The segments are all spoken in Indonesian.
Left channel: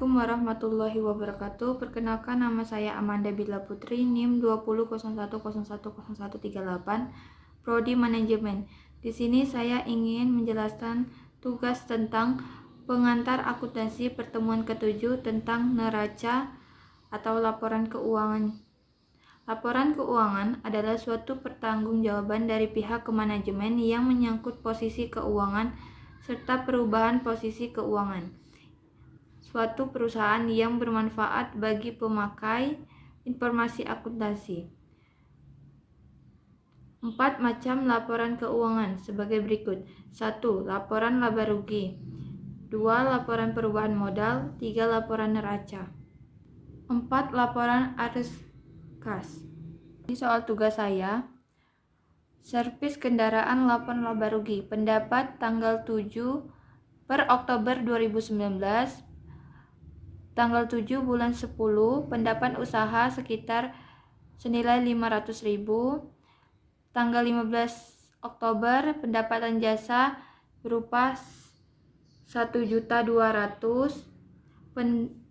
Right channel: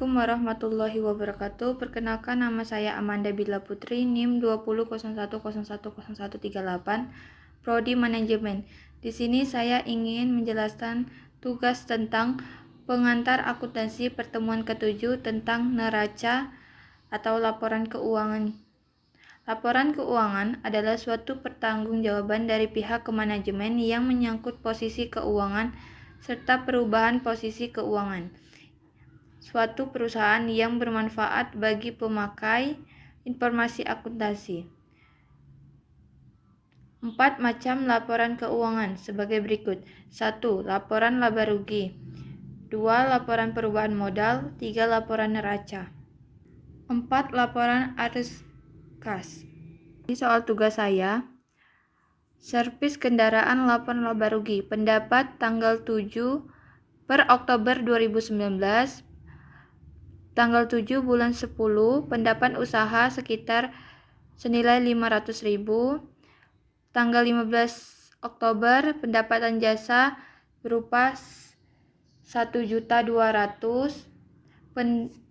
Assalamualaikum warahmatullahi wabarakatuh. Perkenalkan, nama saya Amanda Bila Putri, NIM 2001010138, Prodi Manajemen. Di sini saya ingin menjelaskan tugas tentang pengantar akuntansi pertemuan ke-7 tentang neraca atau laporan keuangan. Laporan keuangan adalah suatu pertanggungjawaban dari pihak kemanajemen yang menyangkut posisi keuangan serta perubahan posisi keuangan suatu perusahaan yang bermanfaat bagi pemakai informasi akuntansi. 4 macam laporan keuangan sebagai berikut. 1. Laporan laba rugi. 2. Laporan perubahan modal. 3. Laporan neraca. 4. Laporan arus kas. Ini soal tugas saya. Servis kendaraan laporan laba rugi. Pendapat tanggal 7 per Oktober 2019. Tanggal 7 bulan 10, pendapatan usaha sekitar senilai 500.000. Tanggal 15 Oktober, pendapatan jasa berupa 1.200.000.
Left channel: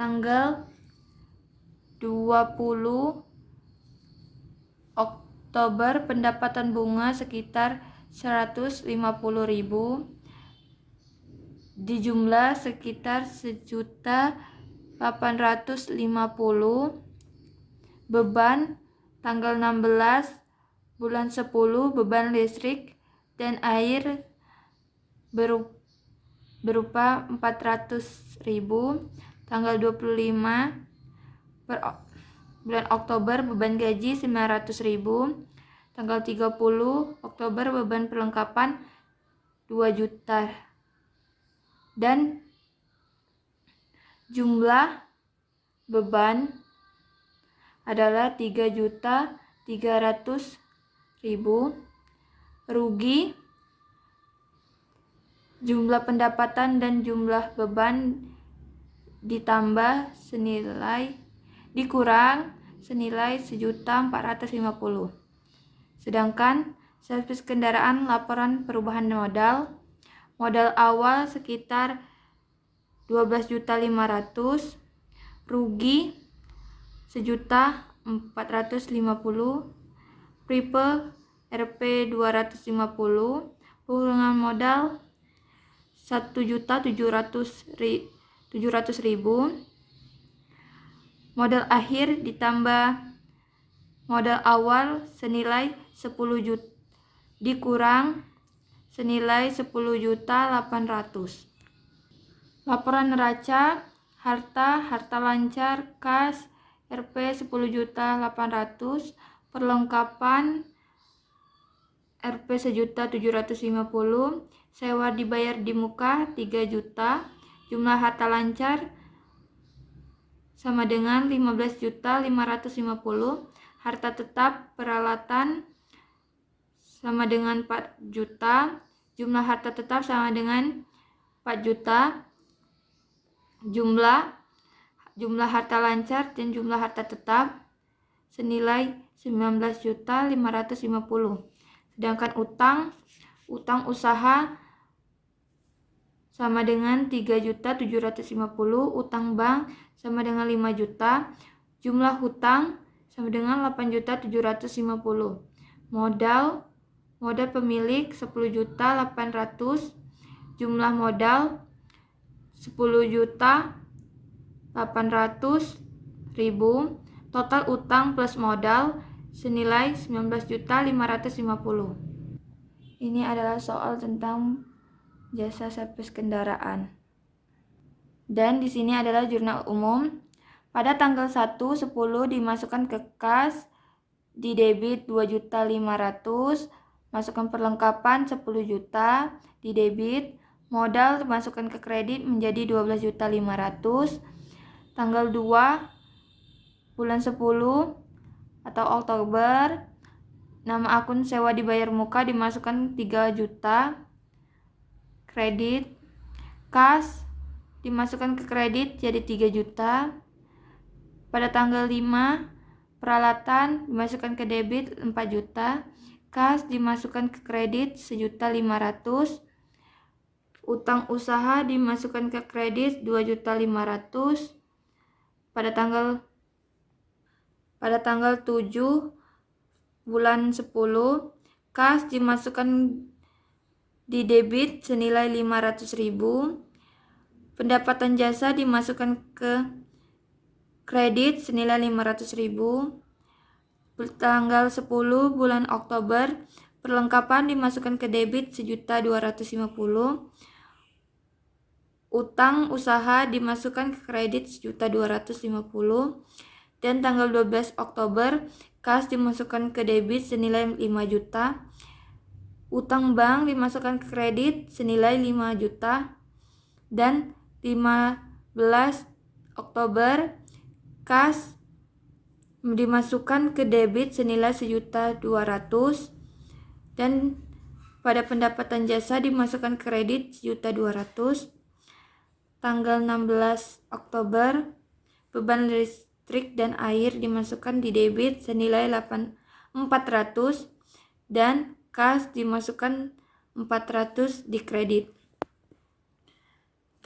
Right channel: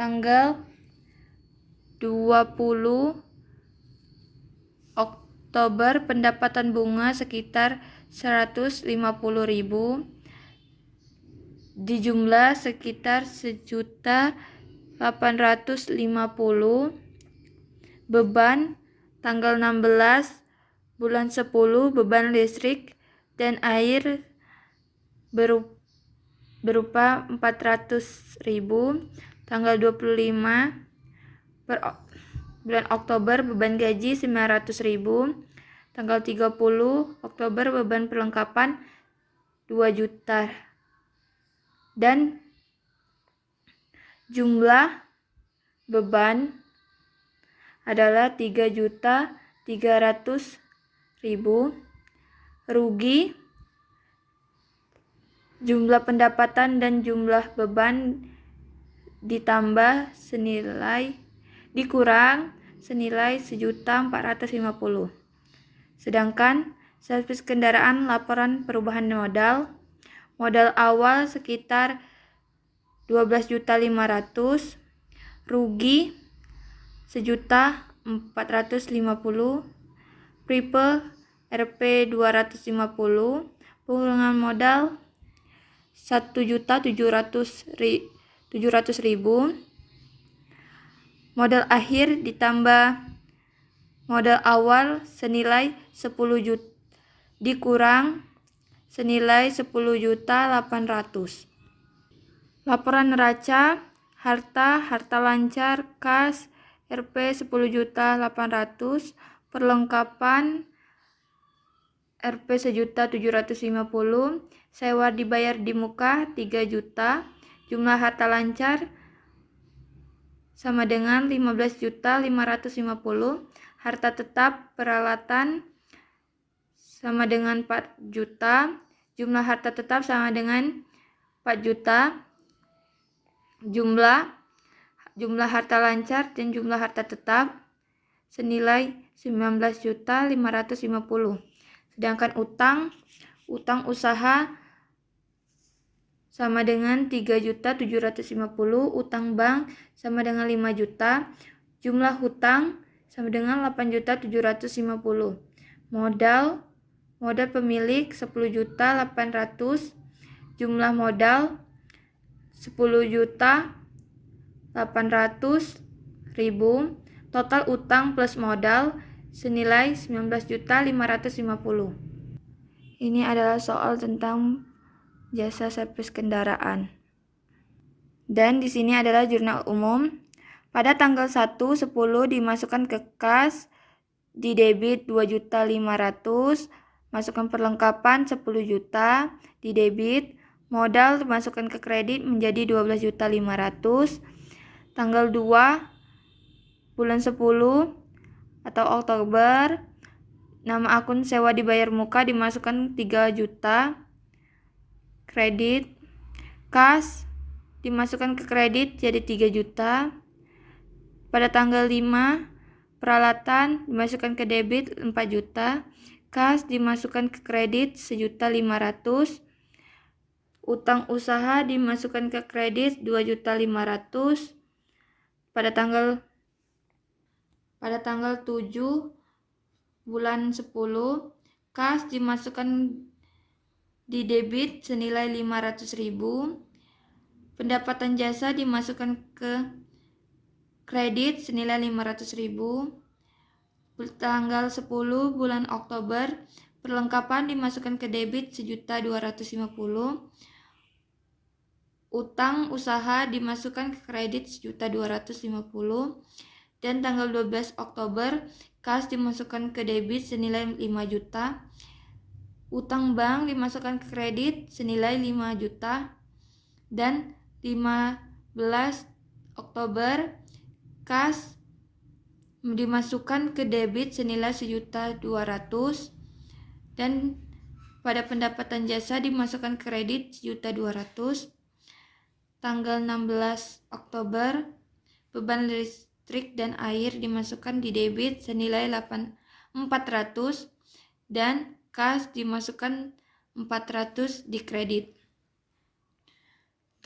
Tanggal 20 Oktober, pendapatan bunga sekitar 150.000. Dijumlah sekitar 1.850.000. Beban tanggal 16 bulan 10, beban listrik dan air berupa 400.000. Tanggal 25 bulan Oktober, beban gaji 900.000. Tanggal 30 Oktober, beban perlengkapan 2 juta. Dan jumlah beban adalah 3.300.000. Rugi, jumlah pendapatan dan jumlah beban dikurang senilai 1.450.000. Sedangkan servis kendaraan laporan perubahan modal awal sekitar 12.500.000, rugi 1.450.000, triple Rp 250, pengurangan modal 1.700.000, modal akhir ditambah modal awal senilai 10 juta dikurang senilai 10.800.000. Laporan neraca, harta lancar, kas, Rp 10.800.000, perlengkapan Rp 1.750.000, sewa dibayar di muka 3 juta, jumlah harta lancar sama dengan 15.550.000, harta tetap peralatan sama dengan 4 juta, jumlah harta tetap sama dengan 4 juta, jumlah harta lancar dan jumlah harta tetap senilai 19.550.000. Sedangkan utang usaha sama dengan 3.750.000, utang bank sama dengan 5 juta, jumlah hutang sama dengan 8.750.000. Modal pemilik 10.800.000, jumlah modal 10.800.000, total utang plus modal senilai 19.550.000. Ini adalah soal tentang jasa servis kendaraan. Dan di sini adalah jurnal umum. Pada tanggal 1/10 dimasukkan ke kas, di debit 2.500.000, masukkan perlengkapan 10 juta, di debit, modal dimasukkan ke kredit menjadi 12.500.000. Tanggal 2 bulan 10 atau Oktober, nama akun sewa dibayar muka dimasukkan 3 juta, kredit, kas dimasukkan ke kredit jadi 3 juta. Pada tanggal 5, peralatan dimasukkan ke debit 4 juta, kas dimasukkan ke kredit 1.500.000, Utang usaha dimasukkan ke kredit 2.500.000 pada tanggal 7 bulan 10. Kas dimasukkan di debit senilai 500.000. Pendapatan jasa dimasukkan ke kredit senilai 500.000. Tanggal 10 bulan Oktober, perlengkapan dimasukkan ke debit 1.250.000. Utang usaha dimasukkan ke kredit 1.250.000. Dan tanggal 12 Oktober, kas dimasukkan ke debit senilai 5 juta. Utang bank dimasukkan ke kredit senilai 5 juta. Dan 15 Oktober, kas dimasukkan ke debit senilai 1.200.000. Dan pada pendapatan jasa dimasukkan ke kredit 1.200.000. Tanggal 16 Oktober, beban listrik dan air dimasukkan di debit senilai 400 dan kas dimasukkan 400 di kredit.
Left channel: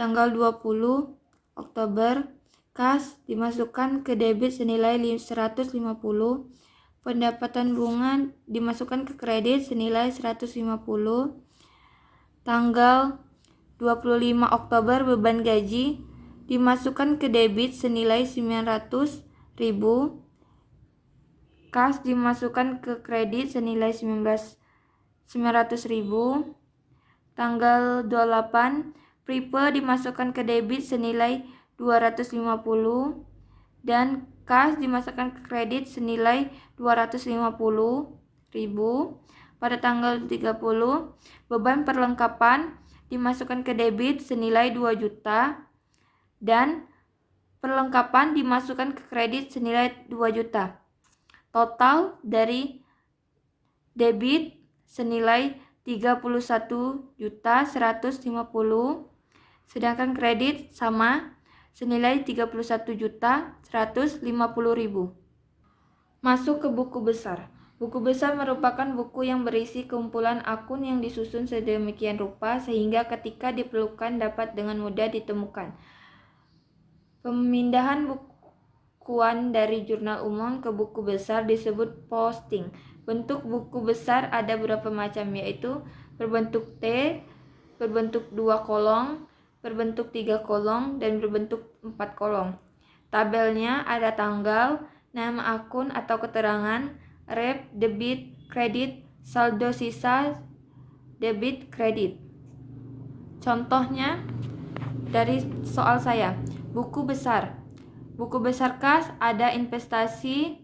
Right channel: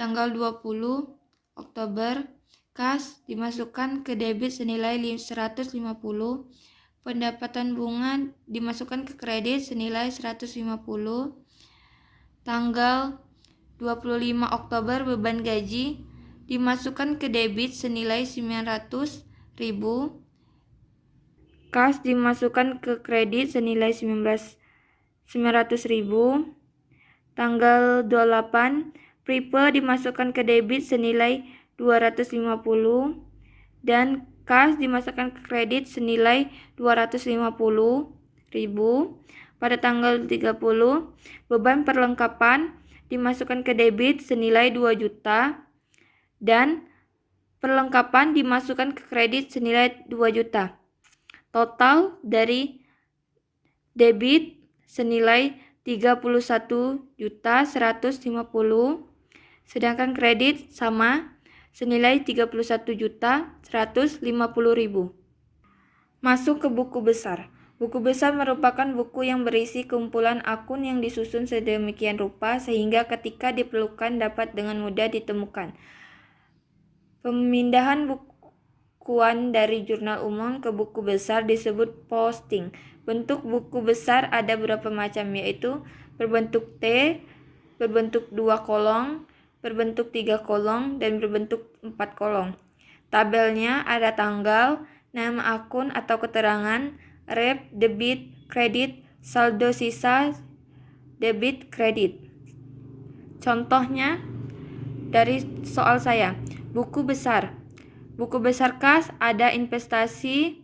Tanggal 20 Oktober, kas dimasukkan ke debit senilai 150. Pendapatan bunga dimasukkan ke kredit senilai 150. Tanggal 25 Oktober, beban gaji dimasukkan ke debit senilai 900.000. Kas dimasukkan ke kredit senilai 900.000. Tanggal 28, Prepe dimasukkan ke debit senilai 250 dan kas dimasukkan ke kredit senilai 250.000. Pada tanggal 30, beban perlengkapan dimasukkan ke debit senilai 2 juta dan perlengkapan dimasukkan ke kredit senilai 2 juta. Total dari debit senilai 31.150.000, sedangkan kredit sama senilai 31.150.000. Masuk ke buku besar. Buku besar merupakan buku yang berisi kumpulan akun yang disusun sedemikian rupa sehingga ketika diperlukan dapat dengan mudah ditemukan. Pemindahan bukuan dari jurnal umum ke buku besar disebut posting. Bentuk buku besar ada beberapa macam, yaitu berbentuk T, berbentuk 2 kolom, berbentuk 3 kolom, dan berbentuk 4 kolom. Tabelnya ada tanggal, nama akun atau keterangan, rep, debit, kredit, saldo sisa, debit, kredit. Contohnya dari soal saya, buku besar. Buku besar kas ada investasi,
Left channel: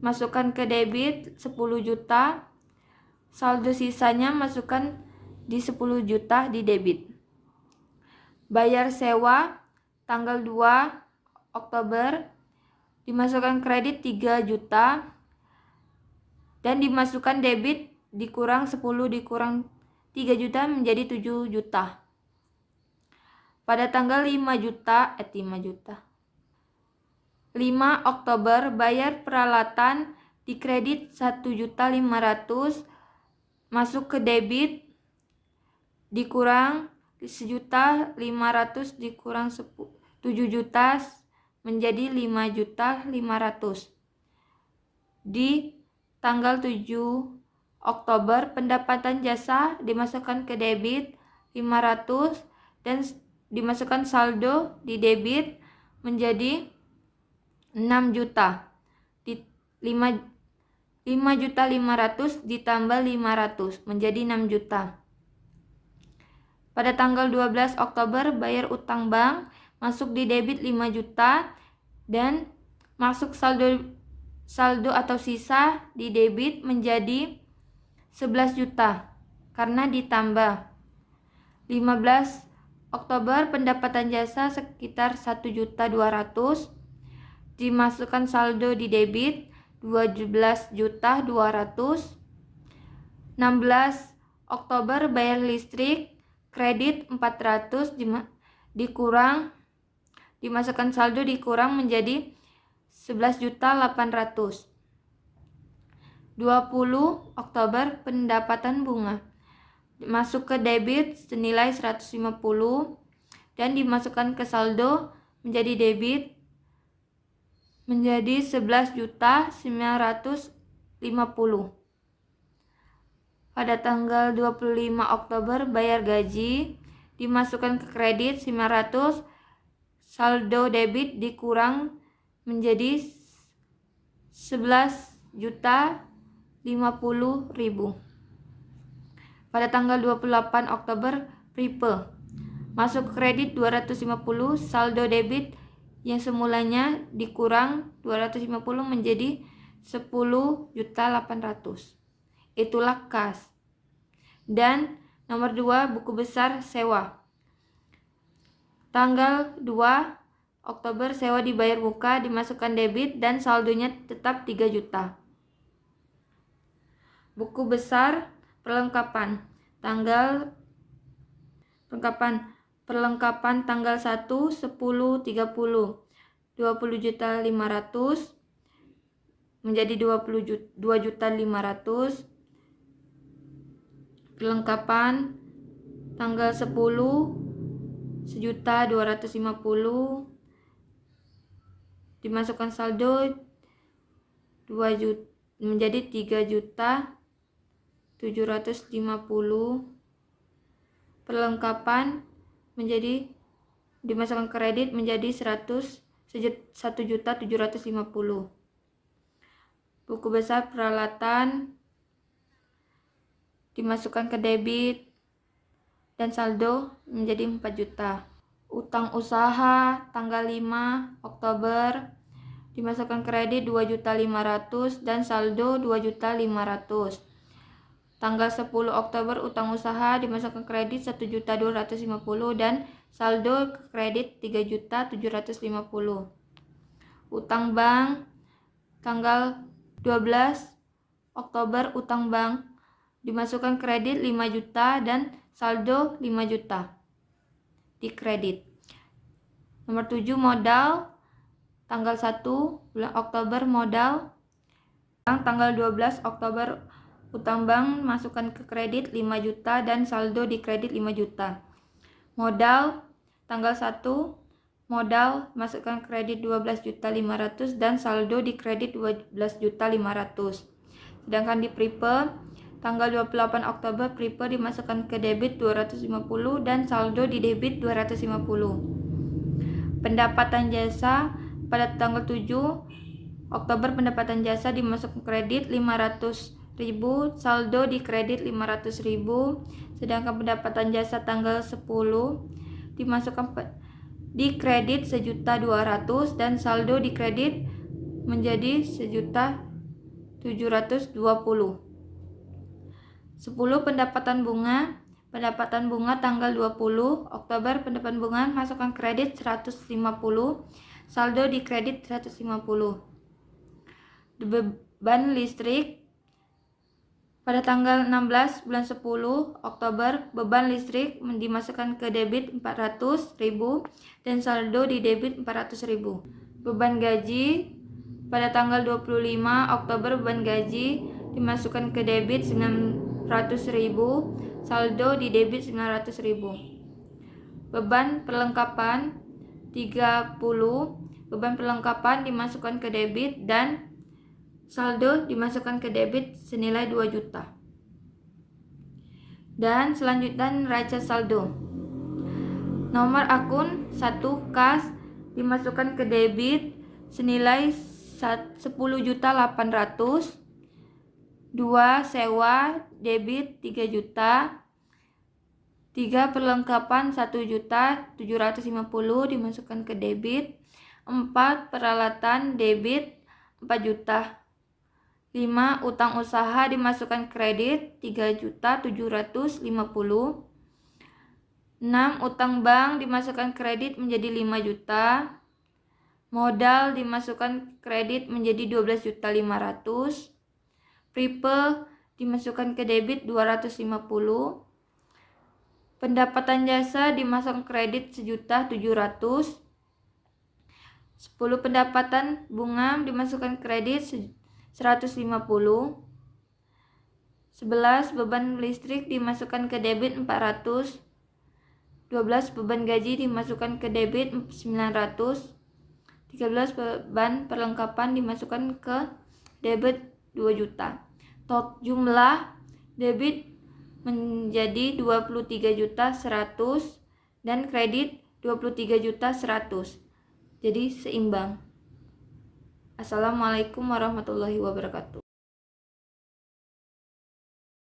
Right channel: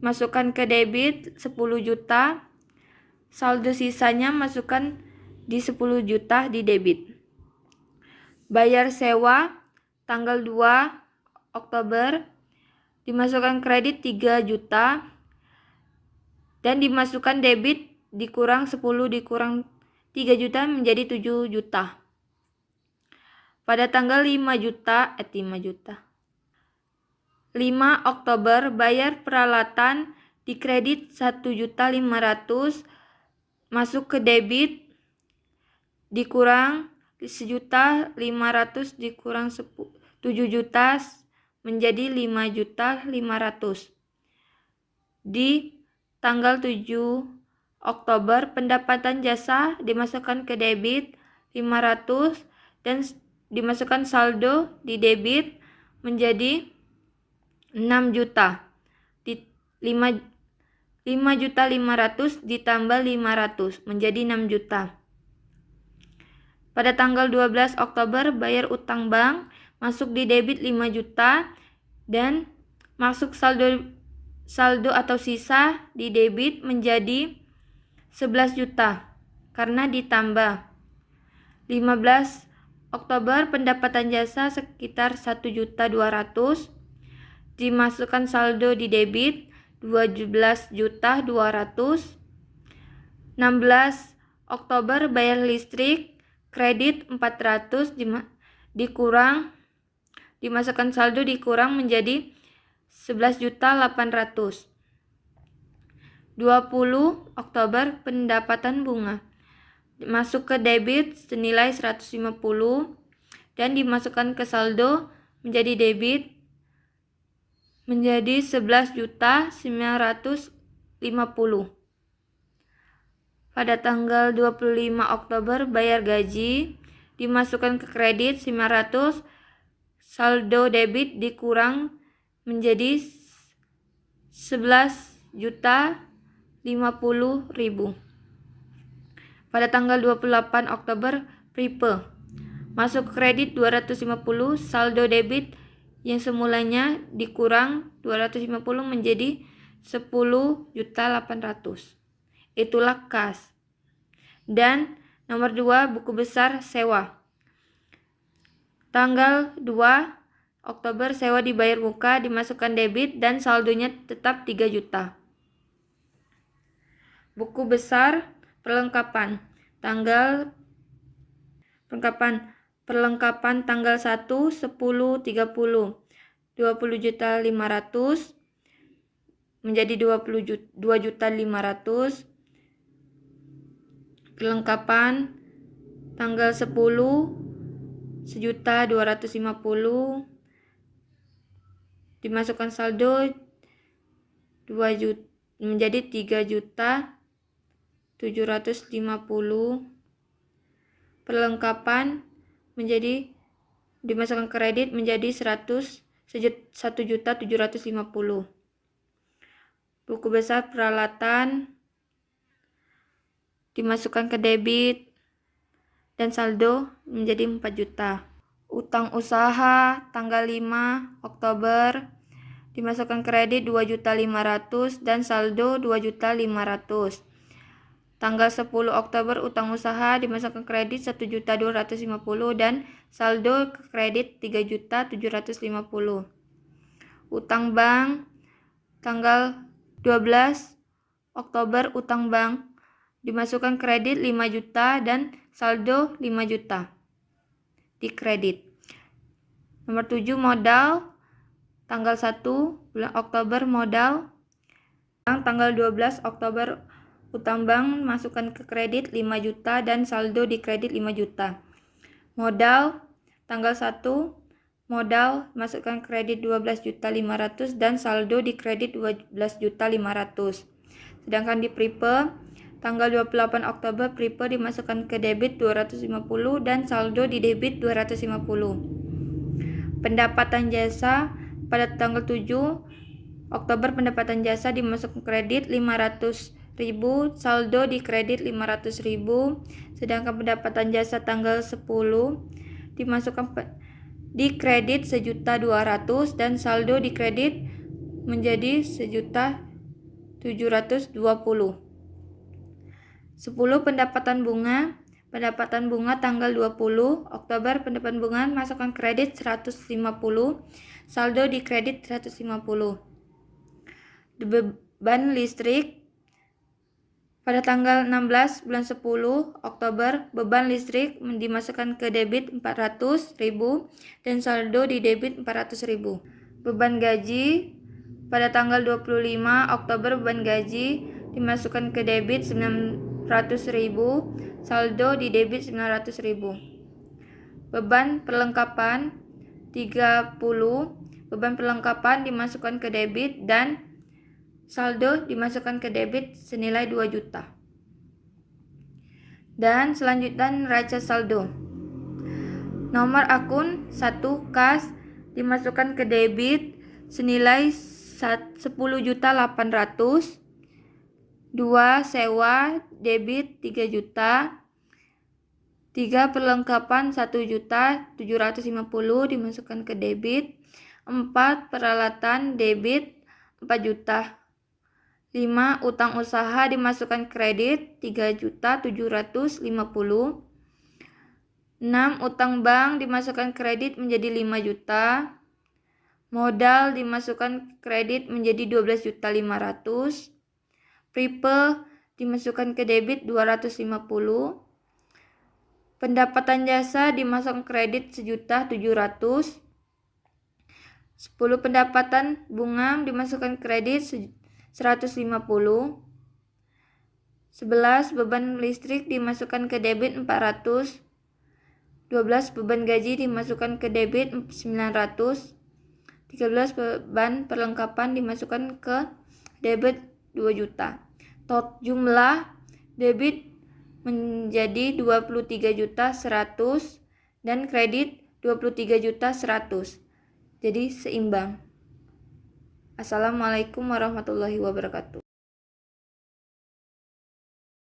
masukkan ke debit 10 juta, saldo sisanya masukkan di 10 juta di debit. Bayar sewa tanggal 2 Oktober, dimasukkan kredit 3 juta dan dimasukkan debit dikurang 10 dikurang 3 juta menjadi 7 juta. Pada tanggal 5 Oktober, bayar peralatan di kredit 1.500.000 masuk ke debit dikurang 1.500.000 dikurang 7 juta menjadi 5.500.000. Di tanggal 7 Oktober, pendapatan jasa dimasukkan ke debit 500 dan dimasukkan saldo di debit menjadi 6 juta. 5.500.000 ditambah 500 menjadi 6 juta. Pada tanggal 12 Oktober, bayar utang bank masuk di debit 5 juta dan masuk saldo atau sisa di debit menjadi 11 juta karena ditambah. 15 Oktober, pendapatan jasa sekitar 1.200.000, dimasukkan saldo di debit 12.200.000. 16 Oktober, bayar listrik kredit 400 dimasukkan saldo dikurang menjadi 11.800.000. 20 Oktober, pendapatan bunga. masuk ke debit senilai 150 dan dimasukkan ke saldo menjadi debit menjadi 11.950. Pada tanggal 25 Oktober bayar gaji, dimasukkan ke kredit 500, saldo debit dikurang menjadi 11.050.000. Pada tanggal 28 Oktober prepe, masuk kredit 250, saldo debit yang semulanya dikurang 250 menjadi 10.800. Itulah kas. Dan nomor 2, buku besar sewa. Tanggal 2 Oktober sewa dibayar muka, dimasukkan debit dan saldonya tetap 3 juta. Buku besar perlengkapan. Perlengkapan tanggal 1, 10, 30. 20.500 menjadi 2.500.000. Perlengkapan tanggal 10 1.250.000 dimasukkan saldo 2 juta menjadi 3.750.000. Perlengkapan menjadi dimasukkan kredit menjadi 1.750.000. Buku besar peralatan dimasukkan ke debit dan saldo menjadi 4 juta. Utang usaha tanggal 5 Oktober dimasukkan kredit 2.500.000 dan saldo 2.500.000. Tanggal 10 Oktober utang usaha dimasukkan kredit 1.250.000 dan saldo kredit 3.750.000. Utang bank tanggal 12 Oktober utang bank dimasukkan kredit 5 juta dan saldo 5 juta di kredit. Nomor 7, modal tanggal 1 bulan Oktober modal. Tanggal 12 Oktober utang bank masukkan ke kredit 5 juta dan saldo di kredit 5 juta. Modal tanggal 1 modal masukkan kredit 12.500.000 dan saldo di kredit 12.500.000. Sedangkan di prepe tanggal 28 Oktober prepe dimasukkan ke debit 250 dan saldo di debit 250. Pendapatan jasa pada tanggal 7 Oktober pendapatan jasa dimasukkan kredit 500.000, saldo di kredit 500.000. Sedangkan pendapatan jasa tanggal 10 dimasukkan di kredit 1.200.000 dan saldo di kredit menjadi 1.720.000. 10. Pendapatan bunga tanggal 20 Oktober pendapatan bunga masukkan kredit 150, saldo di kredit 150. Beban listrik pada tanggal 16 bulan 10 Oktober beban listrik dimasukkan ke debit 400.000 dan saldo di debit 400.000. Beban gaji pada tanggal 25 Oktober beban gaji dimasukkan ke debit 900.000, saldo di debit 900.000. Beban perlengkapan 30, beban perlengkapan dimasukkan ke debit dan saldo dimasukkan ke debit senilai 2 juta. Dan selanjutnya neraca saldo. Nomor akun 1 kas dimasukkan ke debit senilai 10.800.000. 2 sewa debit 3 juta. 3 perlengkapan 1.750.000 dimasukkan ke debit. 4 peralatan debit 4 juta. 5 utang usaha dimasukkan kredit 3.750.000. 6 utang bank dimasukkan kredit menjadi 5 juta. Modal dimasukkan kredit menjadi 12.500.000. Prepe dimasukkan ke debit 250. Pendapatan jasa dimasukkan kredit 1.700.000. 10 pendapatan bunga dimasukkan kredit 150. 11 11 beban listrik dimasukkan ke debit 400, 12 beban gaji dimasukkan ke debit 900, 13 beban perlengkapan dimasukkan ke debit 2 juta. Jumlah debit menjadi 23.100.000 dan kredit 23.100.000. Jadi seimbang. Assalamualaikum warahmatullahi wabarakatuh.